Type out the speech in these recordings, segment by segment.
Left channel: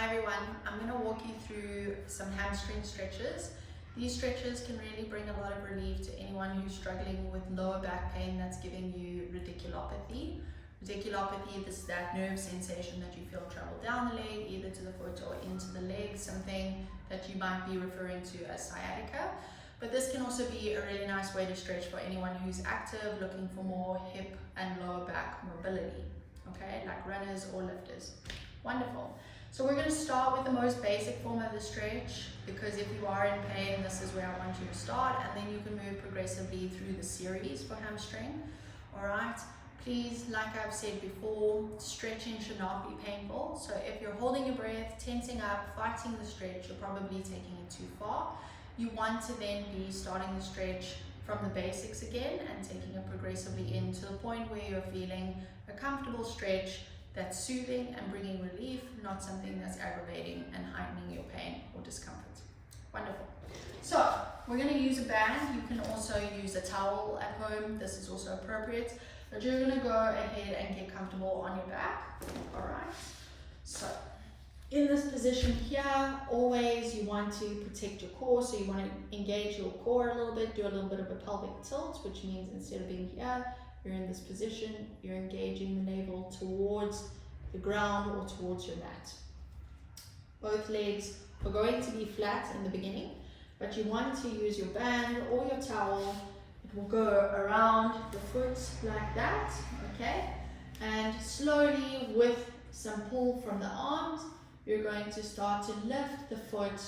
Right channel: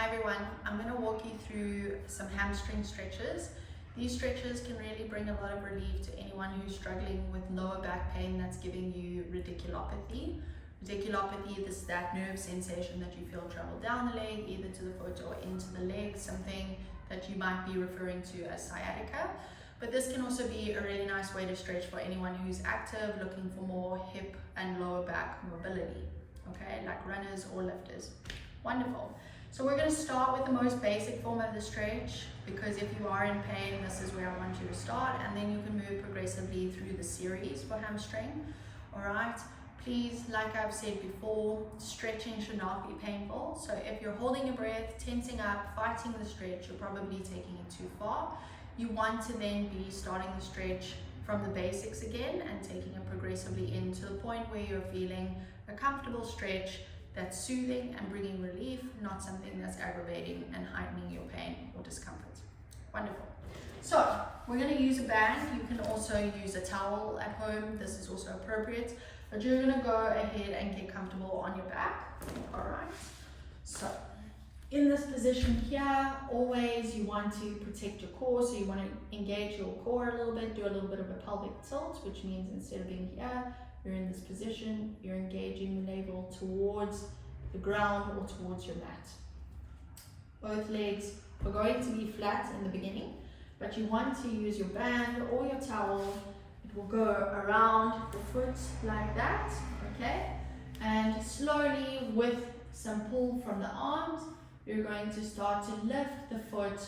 Hi everyone, I'm going to walk you through some hamstring stretches. These stretches can really bring a lot of relief to anyone who's struggling with lower back pain that's giving you radiculopathy. Radiculopathy is that nerve sensation that you feel travel down the leg, either to the foot or into the leg, something that you might be referring to as sciatica. But this can also be a really nice way to stretch for anyone who's active, looking for more hip and lower back mobility, okay, like runners or lifters. Wonderful. So we're going to start with the most basic form of the stretch, because if you are in pain, this is where I want you to start, and then you can move progressively through the series for hamstring. All right. Please, like I've said before, stretching should not be painful. So if you're holding your breath, tensing up, fighting the stretch, you're probably taking it too far. You want to then be starting the stretch from the basics again and taking it progressively in to the point where you're feeling a comfortable stretch that's soothing and bringing relief, not something that's aggravating and heightening your pain or discomfort. Wonderful. So we're going to use a band. You can also use a towel at home. This is also appropriate, but you're going to go ahead and get comfortable on your back. All right. So in this position here, always you want to protect your core. So you want to engage your core a little bit, do a little bit of a pelvic tilt, which means instead of being here, you're in this position, you're engaging the navel towards the ground or towards your mat. Both legs are going to be flat in the beginning, but you want to use your band or your towel. It will go around the foot like that, okay? And slowly, with some pull from the arms, you're going to start to lift the foot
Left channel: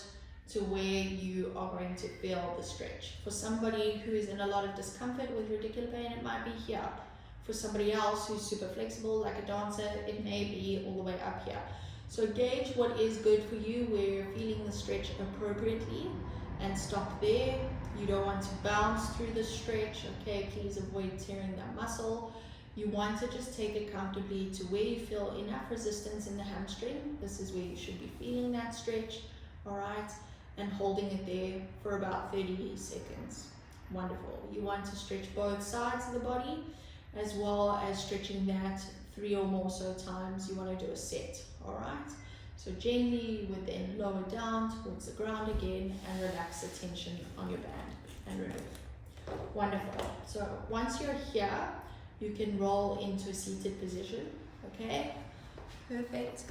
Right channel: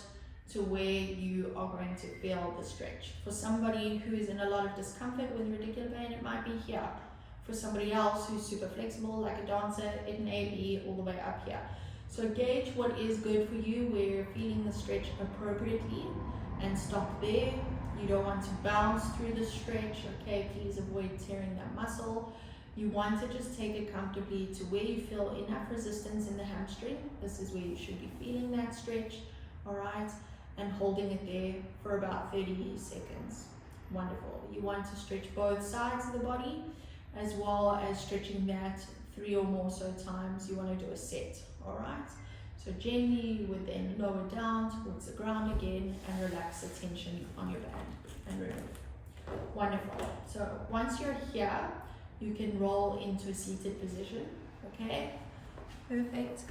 to where you are going to feel the stretch. For somebody who is in a lot of discomfort with radicular pain, it might be here. For somebody else who's super flexible, like a dancer, it may be all the way up here. So gauge what is good for you, where you're feeling the stretch appropriately, and stop there. You don't want to bounce through the stretch, okay? Please avoid tearing that muscle. You want to just take it comfortably to where you feel enough resistance in the hamstring. This is where you should be feeling that stretch, all right? And holding it there for about 30 seconds. Wonderful. You want to stretch both sides of the body, as well as stretching that 3 or more so times. You want to do a set, all right? So gently you would then lower down towards the ground again and relax the tension on your band and remove. Wonderful. So once you're here, you can roll into a seated position, okay? Perfect.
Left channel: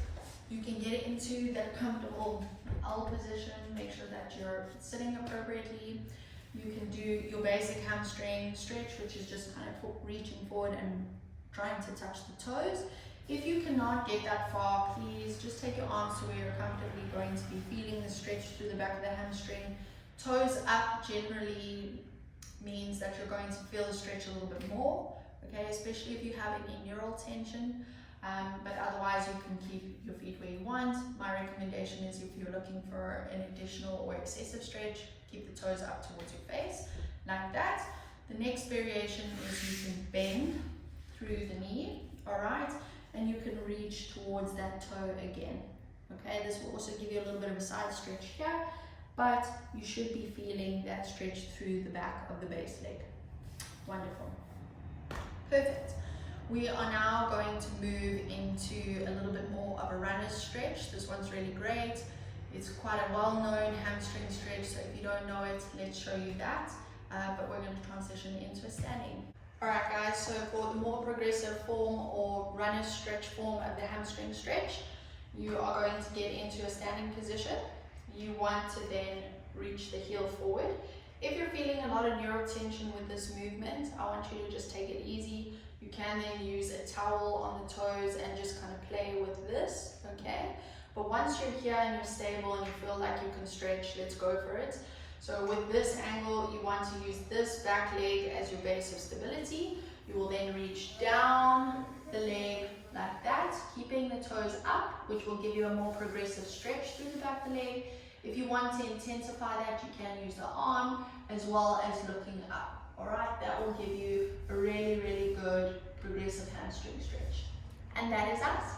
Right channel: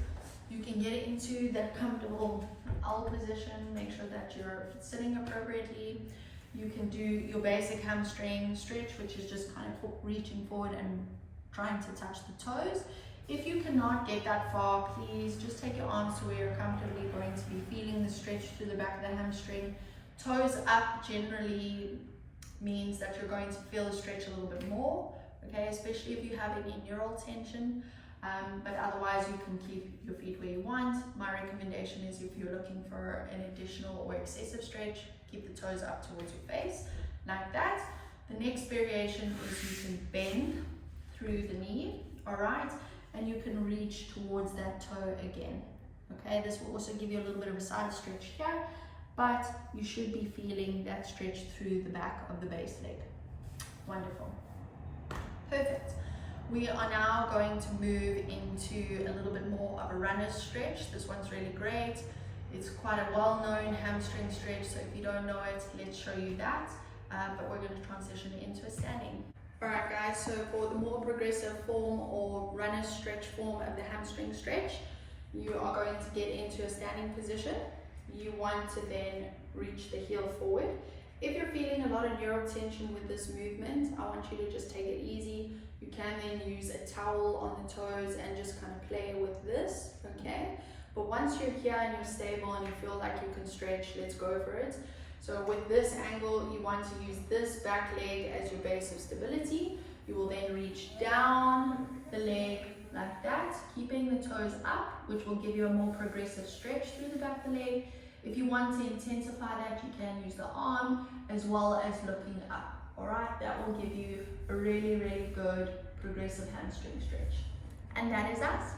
You can get into that comfortable L position, make sure that you're sitting appropriately. You can do your basic hamstring stretch, which is just kind of reaching forward and trying to touch the toes. If you cannot get that far, please just take your arms to where you're comfortably going to be feeling the stretch through the back of the hamstring. Toes up generally means that you're going to feel the stretch a little bit more, okay, especially if you have any neural tension. But otherwise you can keep your feet where you want. My recommendation is, if you're looking for an additional or excessive stretch, keep the toes up towards your face, like that. The next variation is you can bend through the knee, all right? And you can reach towards that toe again, okay? This will also give you a little bit of a side stretch here, but you should be feeling that stretch through the back of the base leg. Wonderful. Perfect. We are now going to move into a little bit more of a runner's stretch. This one's really great. It's quite a well-known hamstring stretch, so if you don't know it, let's show you that. But we're going to transition into a standing. Alright guys, so for the more progressive form or runner's stretch form of the hamstring stretch, you are going to get into a standing position. You want to then reach the heel forward. If you're feeling a lot of neural tension with this movement, I want you to just take it easy. You can then use a towel on the toes and just kind of play with this, okay? But once you're here and you're stable and you feel like you can stretch, let's go for it. So with this angle, you want to use this back leg as your base of stability. You will then reach down the leg like that, keeping the toes up, which will give you a more progressive stretch through the back of the leg. If you want to intensify that, you can use the arm as well as looking up. All right, that will give you a really, really good progressive hamstring stretch. And that is us.